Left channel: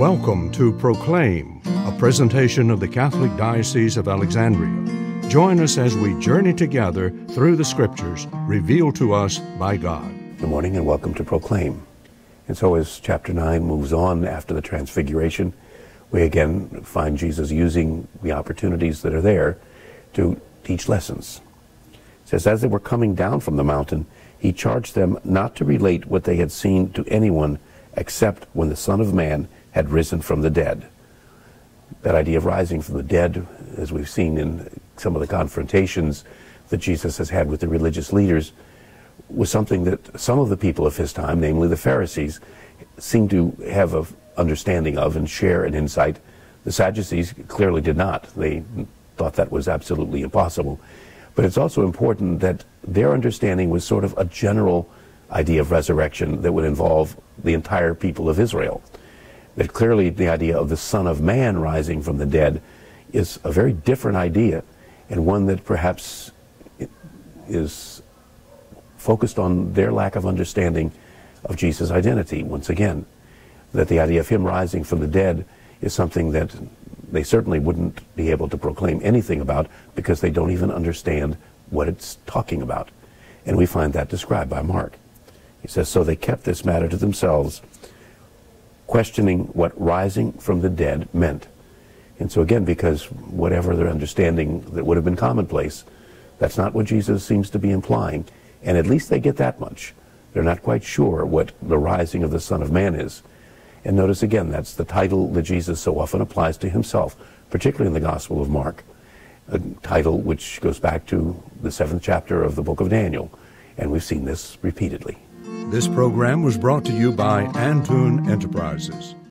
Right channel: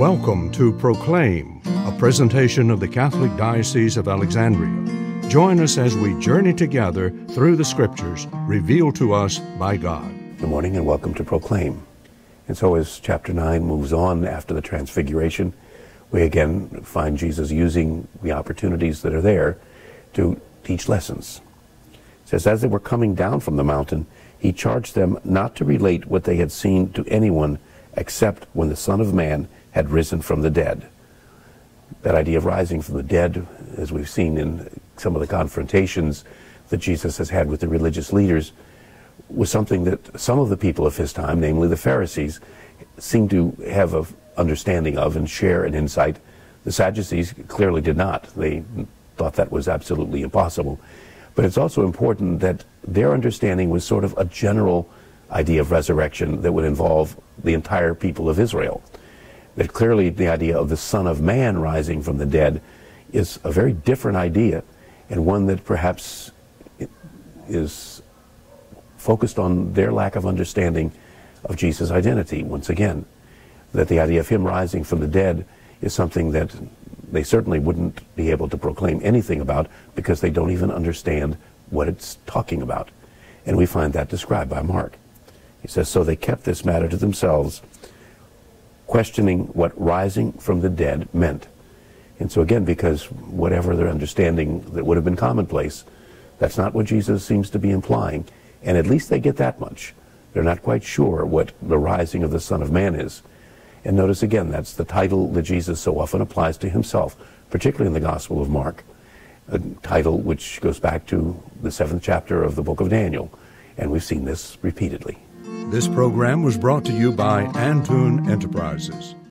Welcome to Proclaim, a presentation of the Catholic Diocese of Alexandria. Join us as we journey together through the Scriptures revealed to us by God. Good morning and welcome to Proclaim. And so as chapter 9 moves on after the Transfiguration, we again find Jesus using the opportunities that are there to teach lessons. It says, as they were coming down from the mountain, he charged them not to relate what they had seen to anyone except when the Son of Man had risen from the dead. That idea of rising from the dead, as we've seen in some of the confrontations that Jesus has had with the religious leaders, was something that some of the people of his time, namely the Pharisees, seemed to have an understanding of and share an insight. The Sadducees clearly did not. They thought that was absolutely impossible. But it's also important that their understanding was sort of a general idea of resurrection that would involve the entire people of Israel. That clearly the idea of the Son of Man rising from the dead is a very different idea, and one that perhaps is focused on their lack of understanding of Jesus' identity. Once again, that the idea of him rising from the dead is something that they certainly wouldn't be able to proclaim anything about because they don't even understand what it's talking about. And we find that described by Mark. He says, so they kept this matter to themselves, questioning what rising from the dead meant. And so again, because whatever their understanding that would have been commonplace, that's not what Jesus seems to be implying. And at least they get that much. They're not quite sure what the rising of the Son of Man is. And notice again, that's the title that Jesus so often applies to himself, particularly in the Gospel of Mark. The title which goes back to the 7th chapter of the book of Daniel. And we've seen this repeatedly. This program was brought to you by Antoon Enterprises.